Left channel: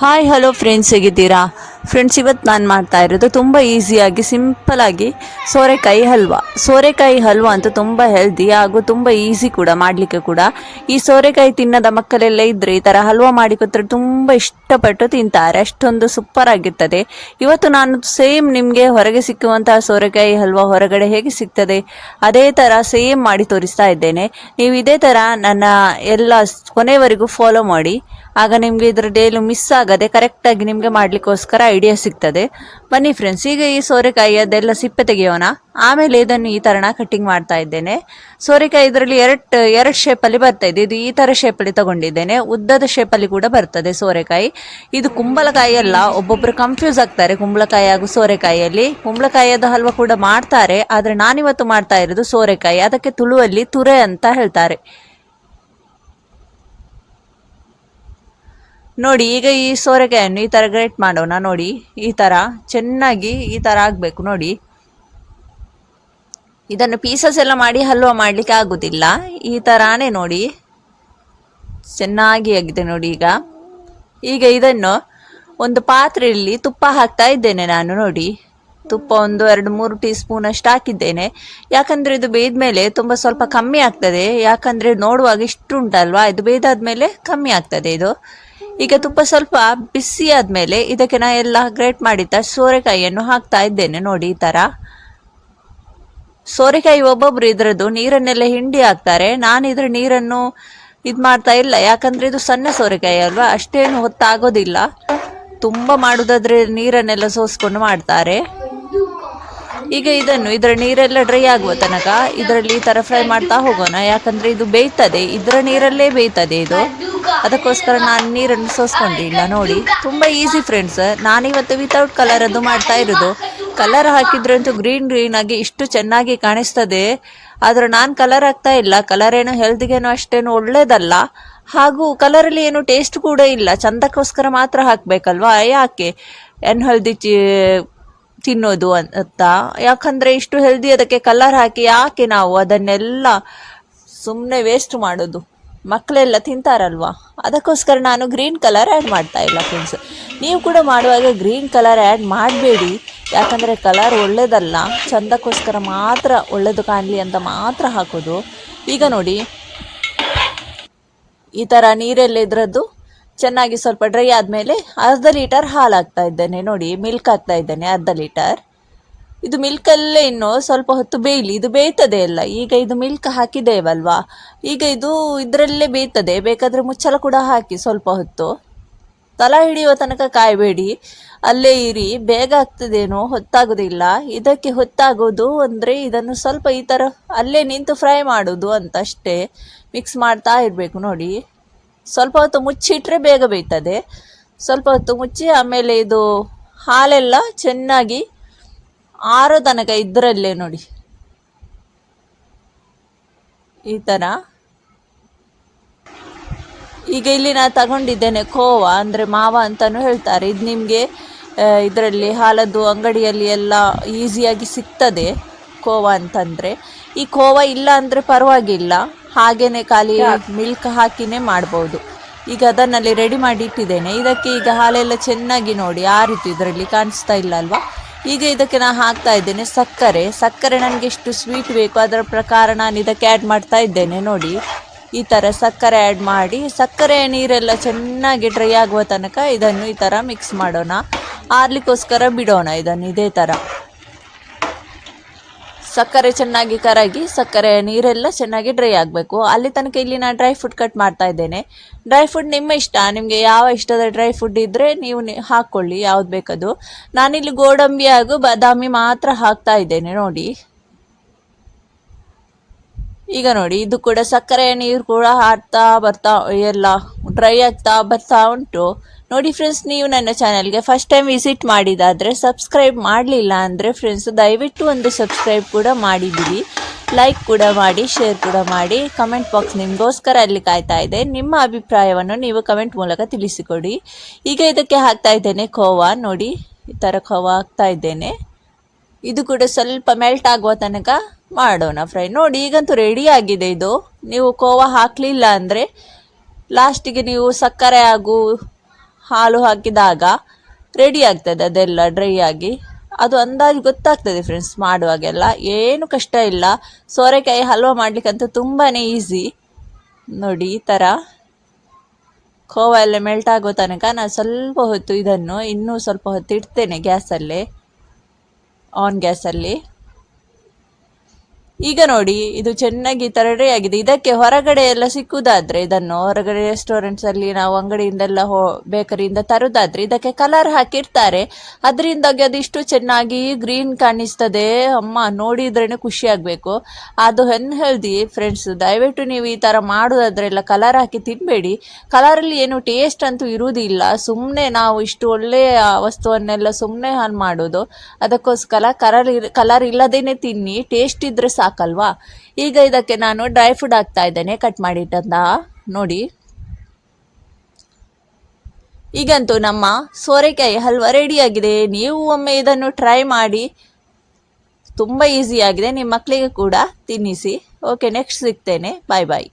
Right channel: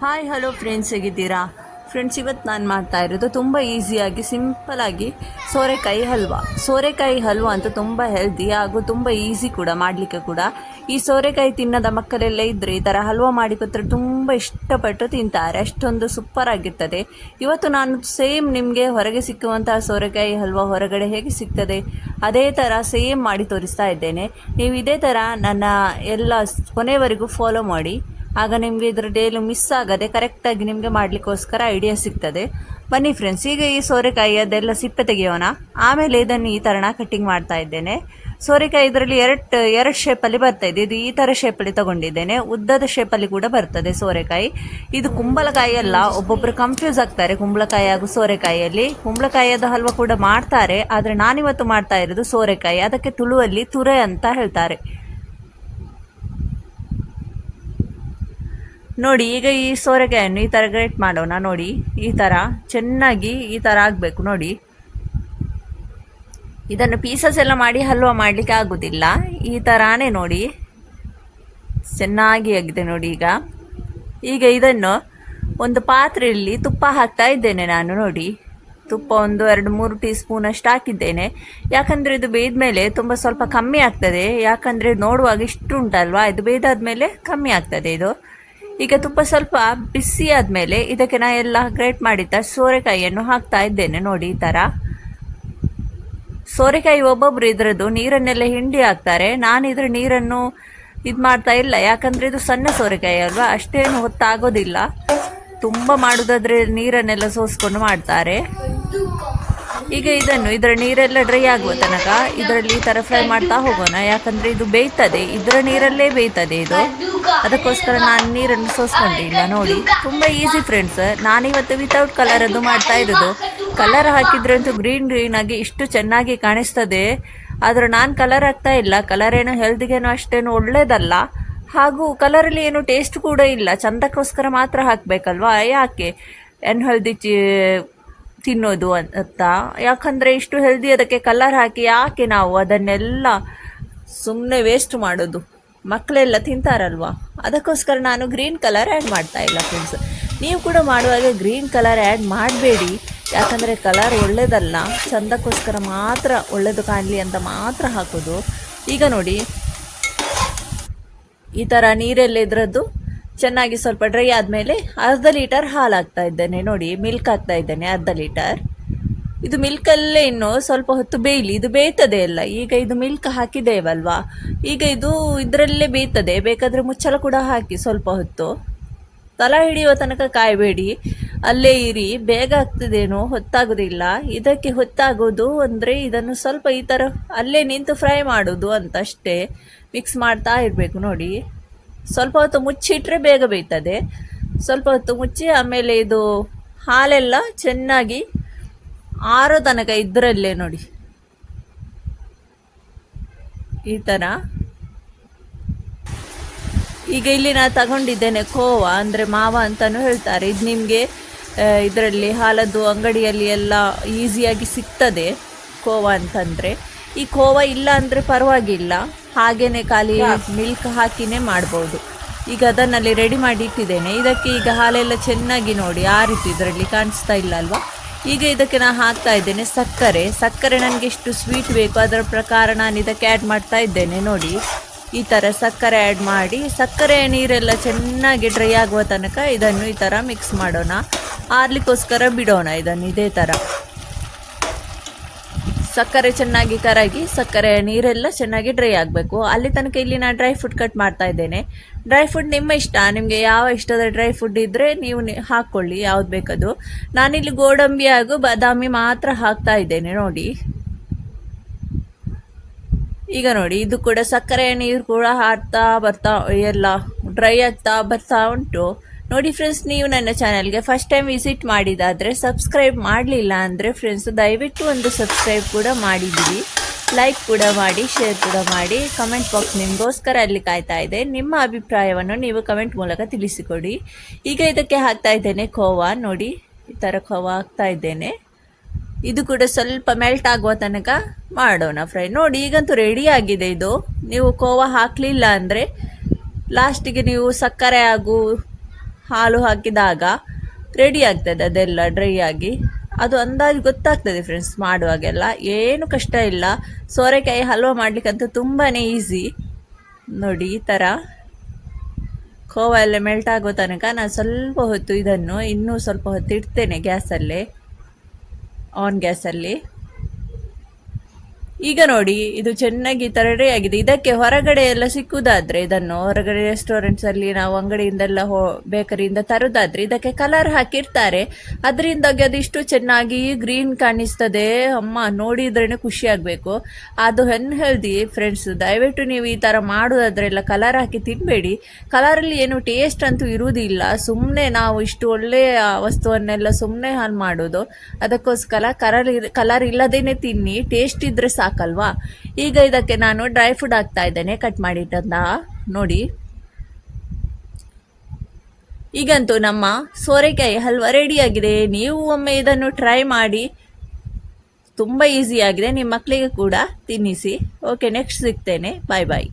Hi hello friends, ಹೇಗಿದ್ದೀರಾ friends? ಇವತ್ತು ನಾನು ಮಾಡ್ತಾ ಇರೋದು ತುಂಬ ಈಸಿಯಾಗಿ ಸಿಂಪಲಾಗಿ ಸೋರೆಕಾಯಿ ಹಲ್ವಾ ಅಂತೂ ತುಂಬ ಹೆಲ್ದಿ ಹಾಗೂ ತುಂಬ ಈಸಿ ಕೂಡ ಮಾಡಲಿಕ್ಕೆ ಕೂಡ. ಈ ಸೋರೆಕಾಯಿ ತಿನ್ನದ ಮಕ್ಕಳೆಲ್ಲ ಇದ್ದರೆ ಈ ಥರ ಹಲ್ವಾ ಮಾಡಿ ಕೊಟ್ಟರೆ ತುಂಬ ಇಷ್ಟಪಟ್ಟು ತಿಂತಾರೆ, ಅಷ್ಟೊಂದು ಸೂಪರ್ ಆಗಿರ್ತದೆ. ಇವತ್ತು ನಾನು ಸೇಮ್ ನಿಮಗೆ ಹೊರಗೆ ಸಿಕ್ಕುವಂತಹ ಸೋರೆಕಾಯಿ ಹಲ್ವಾ ಹೊರಗಡೆ ಹೇಗೆ ಸಿಗ್ತದೆ ಅದೇ ಥರ ಸೇಮ್ ಮಾಡಿ ತೋರಿಸ್ತಾ ಇದ್ದೇನೆ. ನೀವು ಇದೇ ಥರ ನನ್ನ ಎಲ್ಲ ಕೊನೆವರೆಗೂ ಫಾಲೋ ಮಾಡಿ, ಆಗ ನಿಮಗೆ ಇದರದ್ದು ಏನು ಮಿಸ್ ಆಗದೆ ಕರೆಕ್ಟಾಗಿ ನಿಮಗೆ ಮಾಡಲಿಕ್ಕೋಸ್ಕರ ಐಡಿಯಾ ಸಿಗ್ತದೆ. ಬನ್ನಿ ಫ್ರೆಂಡ್ಸ್, ಈಗ ಈ ಸೋರೆಕಾಯಿ ಅದೆಲ್ಲ ಸಿಪ್ಪೆ ತೆಗೆಯೋಣ. ಆಮೇಲೆ ಇದನ್ನು ಈ ಥರನ ಕಟ್ಟಿಂಗ್ ಮಾಡ್ತಾ ಇದ್ದೇನೆ. ಸೋರೆಕಾಯಿ ಇದರಲ್ಲಿ ಎರಡು ಶೇಪಲ್ಲಿ ಬರ್ತಾ ಇದೆ. ಇದು ಈ ಥರ ಶೇಪಲ್ಲಿ ತಗೊಂಡಿದ್ದೇನೆ, ಉದ್ದದ ಶೇಪಲ್ಲಿ ಕೂಡ ಬರ್ತದೆ ಸೋರೆಕಾಯಿ. ಇದು ಕುಂಬಳಕಾಯಿ ಅಲ್ಲ, ಒಬ್ಬೊಬ್ಬರು ಕನ್ಫ್ಯೂಸ್ ಆಗ್ತಾರೆ ಕುಂಬಳಕಾಯಿ ಹಾಗೂ ಸೋರೆಕಾಯಿಯಲ್ಲಿ. ಕುಂಬಳಕಾಯಿಯದ ಹಲ್ವಾ ಕೂಡ ಮಾಡ್ತಾರೆ, ಆದರೆ ನಾನಿವತ್ತು ಮಾಡ್ತಾ ಇರೋದು ಸೋರೆಕಾಯಿ. ಅದಕ್ಕೆ ತುಳುವಲ್ಲಿ ತುರೆ ಅಂತ ಹೇಳ್ತಾರೆ. ನೋಡಿ, ಈಗ ಈ ಸೋರೆಕಾಯನ್ನು ಈ ಥರ ಗ್ರೇಟ್ ಮಾಡೋಣ. ನೋಡಿ, ಈ ಥರ ಚೆನ್ನಾಗಿ ಈ ಥರ ಆಗಬೇಕು. ನೋಡಿ, ಇದನ್ನು ಪೀಸಸ್ ಎಲ್ಲ ಮಾಡಿ ಹಲ್ವಾ ಮಾಡಲಿಕ್ಕೆ ಆಗೋದಿಲ್ಲ. ಈ ಥರಾನೇ ನೋಡಿ ಚೆನ್ನಾಗಿ ಆಗಿದೆ. ನೋಡಿ, ಈಗ ಇದನ್ನು ಒಂದು ಪಾತ್ರೆಯಲ್ಲಿ ತುಪ್ಪ ಹಾಕ್ತಾ ಇದ್ದೇನೆ ನಾನು. ನೋಡಿ, ತುಪ್ಪ ಒಂದು 2-3 ಟೀ ಸ್ಪೂನ್ ಅಷ್ಟು ಹಾಕಿದ್ದೇನೆ. ಯಾಕಂದರೆ ಇದು ಬೇಯ್ದ್ಮೇಲೆ ತುಂಬ ಸ್ವಲ್ಪ ಕಮ್ಮಿ ಆಗ್ತದೆ. ಯಾಕಂದರೆ ನೋಡುವಾಗ ಇಷ್ಟು ಉಂಟಲ್ವಾ, ಇದು ಬೇಯ್ದಾದ್ಮೇಲೆ ಕಮ್ಮಿ ಆಗ್ತದೆ ಇದು. ಈಗ ತುಪ್ಪ ಸ್ವಲ್ಪ ಬಿಸಿ ಆದಮೇಲೆ ಇದಕ್ಕೆ ನಾ ಎಲ್ಲ ಗ್ರೇಟ್ ಮಾಡಿದ್ದ ಸೋರೆಕಾಯಿಯನ್ನು ಹಾಕ್ತಾ ಇದ್ದೇನೆ. ನೋಡಿ, ಈ ಥರ ಸೋರೆಕಾಯಿ ಒಬ್ಬೊಬ್ರು ಇದರದ್ದು ನೀರನ್ನೆಲ್ಲ ಹಿಂಡಿ ಹಾಕ್ತಾರೆ. ನಾನು ಇದ್ರ ನೀರನ್ನು ಇದು ಮಾಡ್ತಾ ಇಲ್ಲ, ಯಾಕಂದರೆ ಇದು ಸಣ್ಣ ಸೋರೆಕಾಯಿ ಅಲ್ವಾ, ಅಷ್ಟೇನು ಹೊತ್ತಾಗೋದಿಲ್ಲ. ತುಂಬ ಮಾಡೋದಾದ್ರೆ ನೀರನ್ನೆಲ್ಲ ಸೋಸ್ಕೊಂಡು ಮಾಡ್ತಾರೆ. ಈಗ ಇದರ ನೀರೆಲ್ಲ ಡ್ರೈ ಆಗುವ ತನಕ ಇದರಲ್ಲಿ ಈ ಥರ ಫ್ರೈ ಮಾಡ್ತಾ ಹೋಗೋಣ. ಯಾಕಂದರೆ ಇದು ಬೇಯ್ತದೆ, ಇದರ ನೀರಲ್ಲೇ ಬೇಯ್ತದೆ ಇದು. ಅದಕ್ಕೋಸ್ಕರ ನಾನು ನೀರನ್ನು ಸೋಸ್ಕೊಂಡಿಲ್ಲ. ನೋಡಿ, ತುಂಬ ಈಸಿ ಫ್ರೆಂಡ್ಸ್. ನಾನಿವತ್ತು ವಿತೌಟ್ ಕಲರ್ ಅದು ಮಾಡ್ತಾ ಇರೋದು. ಕಲರ್ ಹಾಕಿದ್ರಂತೂ ಗ್ರೀನ್ ಆಗಿ ಇಷ್ಟು ಚೆನ್ನಾಗಿ ಕಾಣಿಸ್ತದೆ. ಆದರೆ ನಾನು ಕಲರ್ ಹಾಕ್ತಾ ಇಲ್ಲ. ಕಲರ್ ಏನು ಹೆಲ್ತ್ಗೇನು ಅಷ್ಟೇನು ಒಳ್ಳೇದಲ್ಲ, ಹಾಗೂ ಕಲರಲ್ಲಿ ಏನು ಟೇಸ್ಟ್ ಕೂಡ ಇಲ್ಲ. ಚಂದಕ್ಕೋಸ್ಕರ ಮಾತ್ರ ಹಾಕಬೇಕಲ್ವಾ, ಯಾಕೆ ಹೆಲ್ದಿ ತಿನ್ನೋದು ಅಂತ. ಯಾಕಂದರೆ ಇಷ್ಟು ಹೆಲ್ದಿ ಅದಕ್ಕೆ ಕಲರ್ ಹಾಕಿ ಯಾಕೆ ನಾವು ಅದನ್ನೆಲ್ಲ ಸುಮ್ಮನೆ ವೇಸ್ಟ್ ಮಾಡೋದು? ಮಕ್ಕಳೆಲ್ಲ ತಿಂತಾರಲ್ವಾ, ಅದಕ್ಕೋಸ್ಕರ ನಾನು ಗ್ರೀನ್ ಕಲರ್ ಆ್ಯಡ್ ಮಾಡ್ತಾ ಇಲ್ಲ ಫ್ರೆಂಡ್ಸ್. ನೀವು ಕೂಡ ಮಾಡುವಾಗ ಗ್ರೀನ್ ಕಲರ್ ಆ್ಯಡ್ ಮಾಡಬೇಡಿ, ಯಾಕಂದರೆ ಕಲರ್ ಒಳ್ಳೆಯದಲ್ಲ. ಚಂದಕ್ಕೋಸ್ಕರ ಮಾತ್ರ ಒಳ್ಳೆಯದು ಕಾಣಲಿ ಅಂತ ಮಾತ್ರ ಹಾಕೋದು. ಈಗ ನೋಡಿ, ಈ ಥರ ನೀರೆಲ್ಲ ಇದರದ್ದು ಚೆನ್ನಾಗಿ ಸ್ವಲ್ಪ ಡ್ರೈ ಆದಮೇಲೆ 1/2 ಲೀಟರ್ ಹಾಲು ಹಾಕ್ತಾ ಇದ್ದೇನೆ. ನೋಡಿ, ಮಿಲ್ಕ್ ಹಾಕ್ತಾ ಇದ್ದೇನೆ 1/2 ಲೀಟರ್. ಇದು ಮಿಲ್ಕಲ್ಲೇ ಇನ್ನು ಸ್ವಲ್ಪ ಹೊತ್ತು ಬೇಯಲಿ, ಇದು ಬೇಯ್ತದೆ ಎಲ್ಲ. ಈಗ ಇದು ಮಿಲ್ಕ್ ಹಾಕಿದ್ದೇವಲ್ವಾ, ಈಗ ಇದು ಇದರಲ್ಲೇ ಬೇಯ್ತದೆ. ಬೇಕಾದರೆ ಮುಚ್ಚಳ ಕೂಡ ಹಾಕಿ ಸ್ವಲ್ಪ ಹೊತ್ತು. ತಲ ಹಿಡಿಯುವ ತನಕ ಕಾಯಬೇಡಿ, ಅಲ್ಲೇ ಇರಿ, ಬೇಗ ಆಗ್ತದೇನೋ, ಹೊತ್ತಾಗೋದಿಲ್ಲ. ಇದಕ್ಕೆ ಹೊತ್ತಾಗೋದು ಅಂದರೆ ಇದನ್ನು ಸ್ವಲ್ಪ ಈ ಥರ ಅಲ್ಲೇ ನಿಂತು ಫ್ರೈ ಮಾಡೋದು ಅಂತ ಅಷ್ಟೇ. ಮಿಕ್ಸ್ ಮಾಡ್ತಾ ಇರಬೇಕು. ನೋಡಿ, ಸ್ವಲ್ಪ ಹೊತ್ತು ಮುಚ್ಚಿಟ್ರೆ ಬೇಗ ಬೇಯ್ತದೆ. ಸ್ವಲ್ಪ ಹೊತ್ತು ಮುಚ್ಚಿ ಆಮೇಲೆ ಇದು ಹಾಲೆಲ್ಲ ಚೆನ್ನಾಗಿ ಆರೋ ತನಕ ಇದರಲ್ಲೇ ನೋಡಿ ಈ ಥರ. ಈಗ ಇಲ್ಲಿ ನಾನು ತಗೊಂಡಿದ್ದೇನೆ ಖೋವಾ, ಅಂದರೆ ಮಾವ ಅಂತಲೂ ಹೇಳ್ತಾರೆ. ಇದು ನಿಮಗೆ ಇದರಲ್ಲಿ ಹಾಲದ್ದು ಅಂಗಡಿಯಲ್ಲಿ ಎಲ್ಲ ಈಸಿಯಾಗಿ ಸಿಗ್ತದೆ ಖೋವಾ ಅಂತಂದರೆ. ಈ ಖೋವಾ ಇಲ್ಲ ಅಂದರೆ ಪರವಾಗಿಲ್ಲ, ಹಾಗೇ ಖಾಲಿ ಮಿಲ್ಕ್ ಹಾಕಿನೇ ಮಾಡ್ಬೋದು. ಈಗ ಅದನ್ನಲ್ಲಿ ರೆಡಿ ಮಾಡಿ ಇಟ್ಟಿದ್ದೇನೆ. ಇದಕ್ಕೆ ಈಗ ಹಾಲೆಲ್ಲ ಚೆನ್ನಾಗಿ ನೋಡಿ ಆರಿತು, ಇದರಲ್ಲಿ ಕಾಣಿಸ್ತಾ ಇಲ್ಲ ಅಲ್ವಾ. ಈಗ ಇದಕ್ಕೆ ನಾನು ಹಾಕ್ತಾ ಇದ್ದೇನೆ ಸಕ್ಕರೆ. ನನಗೆ ಎಷ್ಟು ಸ್ವೀಟ್ ಬೇಕು ಅದರ ಪ್ರಕಾರ ನಾನು ಇದಕ್ಕೆ ಆ್ಯಡ್ ಮಾಡ್ತಾ ಇದ್ದೇನೆ. ನೋಡಿ, ಈ ಥರ ಸಕ್ಕರೆ ಆ್ಯಡ್ ಮಾಡಿ, ಸಕ್ಕರೆ ನೀರೆಲ್ಲ ಚೆನ್ನಾಗಿ ಡ್ರೈ ಆಗುವ ತನಕ ಇದನ್ನು ಈ ಥರ ಮಿಕ್ಸ್ ಮಾಡೋಣ. ಆರ್ಲಿಕ್ಕೋಸ್ಕರ ಬಿಡೋಣ ಇದನ್ನು ಇದೇ ಥರ. ಸಕ್ಕರೆ ಚೆನ್ನಾಗಿ ಕರಗಿ ಸಕ್ಕರೆ ನೀರೆಲ್ಲ ಚೆನ್ನಾಗಿ ಡ್ರೈ ಆಗಬೇಕು. ಅಲ್ಲಿ ತನಕ ಇಲ್ಲಿ ನಾನು ಡ್ರೈ ಫ್ರೂಟ್ ಕಟ್ ಮಾಡ್ತಾ ಇದ್ದೇನೆ. ಡ್ರೈ ಫ್ರೂಟ್ ನಿಮ್ಮ ಇಷ್ಟ, ನಿಮಗೆ ಯಾವ ಇಷ್ಟದ ಡ್ರೈ ಫ್ರೂಟ್ ಇದ್ದರೆ ನೀವು ಹಾಕ್ಕೊಳ್ಳಿ, ಯಾವ್ದು ಬೇಕದು. ನಾನಿಲ್ಲಿ ಗೋಡಂಬಿ ಹಾಗೂ ಬಾದಾಮಿ ಮಾತ್ರ ಹಾಕ್ತಾ ಇದ್ದೇನೆ. ನೋಡಿ, ಈಗ ನೋಡಿ, ಇದು ಕೂಡ ಸಕ್ಕರೆ ನೀರು ಕೂಡ ಹಾಕ್ತಾ ಬರ್ತಾ ಎಲ್ಲ ಡ್ರೈ ಆಗ್ತಾ ಬರ್ತಾ ಉಂಟು. ನೋಡಿ ಫ್ರೆಂಡ್ಸ್, ನೀವು ನನ್ನ ಚಾನಲ್ಗೆ ಫಸ್ಟ್ ಟೈಮ್ ವಿಸಿಟ್ ಮಾಡಿದಾದರೆ ಸಬ್ಸ್ಕ್ರೈಬ್ ಮಾಡಲಿಲ್ಲ ಅಂದರೆ ಫ್ರೆಂಡ್ಸ್ ದಯವಿಟ್ಟು ಒಂದು ಸಬ್ಸ್ಕ್ರೈಬ್ ಕೂಡ ಮಾಡಿದ್ದೀವಿ. ಲೈಕ್ ಕೂಡ ಮಾಡಿ, ಶೇರ್ ಕೂಡ ಮಾಡಿ. ಕಮೆಂಟ್ ಬಾಕ್ಸ್ ನಿಮಗೋಸ್ಕರ ಅಲ್ಲಿ ಕಾಯ್ತಾ ಇದೆ. ನಿಮ್ಮ ಅಭಿಪ್ರಾಯವನ್ನು ನೀವು ಕಮೆಂಟ್ ಮೂಲಕ ತಿಳಿಸಿಕೊಡಿ. ಈಗ ಇದಕ್ಕೆ ಹಾಕ್ತಾ ಇದ್ದೇನೆ ಖೋವಾ. ನೋಡಿ, ಈ ಥರ ಖೋವಾ ಹಾಕ್ತಾ ಇದ್ದೇನೆ. ಇದು ಕೂಡ ಸ್ವಲ್ಪ ಮೆಲ್ಟ್ ಆಗುವ ತನಕ ಮಾಡೋಣ ಫ್ರೈ. ನೋಡಿ, ಈಗಂತೂ ರೆಡಿ ಆಗಿದೆ ಇದು. ನೀವು ಖೋವಾ ಹಾಕಲಿಲ್ಲ ಅಂದರೆ ಲಾಸ್ಟಿಗೆ ನೀವು ಸಕ್ಕರೆ ಹಾಗೂ ಹಾಲು ಹಾಕಿದಾಗ ರೆಡಿ ಆಗ್ತದೆ ಅದೆಲ್ಲ ಡ್ರೈ ಆಗಿ. ಅದು ಅಂದಾಜು ಗೊತ್ತಾಗ್ತದೆ ಫ್ರೆಂಡ್ಸ್ ಮಾಡುವಾಗೆಲ್ಲ, ಏನು ಕಷ್ಟ ಇಲ್ಲ. ಸೋರೆಕಾಯಿ ಹಲ್ವ ಮಾಡಲಿಕ್ಕಂತೂ ತುಂಬಾ ಈಸಿ. ನೋಡಿ ಈ ಥರ ಖೋವಾ ಎಲ್ಲ ಮೆಲ್ಟ್ ಆಗೋ ತನಕ ನಾನು ಸ್ವಲ್ಪ ಹೊತ್ತು ಇದನ್ನು ಇನ್ನೂ ಸ್ವಲ್ಪ ಹೊತ್ತು ಇಡ್ತೇನೆ ಗ್ಯಾಸಲ್ಲೇ, ಆನ್ ಗ್ಯಾಸಲ್ಲಿ. ಈಗ ನೋಡಿ ಇದು ಚೆನ್ನಾಗಿ ಈ ಥರ ರೆಡಿ ಆಗಿದೆ. ಇದಕ್ಕೆ ಹೊರಗಡೆ ಎಲ್ಲ ಸಿಕ್ಕುದಾದ್ರೆ, ಇದನ್ನು ಹೊರಗಡೆ ರೆಸ್ಟೋರೆಂಟ್ಸಲ್ಲಿ ನಾವು ಅಂಗಡಿಯಿಂದೆಲ್ಲ ಬೇಕರಿಯಿಂದ ತರೋದಾದ್ರೆ ಇದಕ್ಕೆ ಕಲರ್ ಹಾಕಿರ್ತಾರೆ. ಅದರಿಂದಾಗಿ ಅದು ಇಷ್ಟು ಚೆನ್ನಾಗಿ ಗ್ರೀನ್ ಕಾಣಿಸ್ತದೆ. ಅಮ್ಮ ನೋಡಿದ್ರೇ ಖುಷಿ ಆಗಬೇಕು. ಅದು ಅನ್ಹೆಲ್ದಿ ಫ್ರೆಂಡ್ಸ್. ದಯವಿಟ್ಟು ನೀವು ಈ ಥರ ಮಾಡೋದಾದ್ರೆಲ್ಲ ಕಲರ್ ಹಾಕಿ ತಿನ್ನಬೇಡಿ. ಕಲರಲ್ಲಿ ಏನು ಟೇಸ್ಟ್ ಅಂತೂ ಇರುವುದಿಲ್ಲ. ಸುಮ್ಮನೆ ನಾವು ಇಷ್ಟು ಒಳ್ಳೆಯ ವಸ್ತುವನ್ನೆಲ್ಲ ಸುಮ್ಮನೆ ಹಾಳು ಮಾಡೋದು. ಅದಕ್ಕೋಸ್ಕರ ಕಲರ್ ಇಲ್ಲದೇನೆ ತಿನ್ನಿ, ಟೇಸ್ಟ್ ಇದ್ರೆ ಸಾಕಲ್ವಾ. ಈಗ ಇದಕ್ಕೆ ನಾನು ಡ್ರೈ ಫ್ರೂಟ್ ಹಾಕ್ತಾ ಇದ್ದೇನೆ, ಕಟ್ ಮಾಡಿಟ್ಟಂತ. ನೋಡಿ ಈಗಂತೂ ನಮ್ಮ ಸೋರೆಕಾಯಿ ಹಲ್ವಾ ರೆಡಿಯಾಗಿದೆ. ನೀವು ಒಮ್ಮೆ ಇದನ್ನು ಟ್ರೈ ಮಾಡಿ, ತುಂಬ ಈಸಿ ಆಗಿದೆ. ನಿಮ್ಮ ಮಕ್ಕಳಿಗೆ ಕೂಡ ತಿನ್ನಿಸಿ. ಓಕೆ, ನೆಕ್ಸ್ಟ್ ಸಿಗ್ತೇನೆ. ಬಾಯ್ ಬಾಯ್.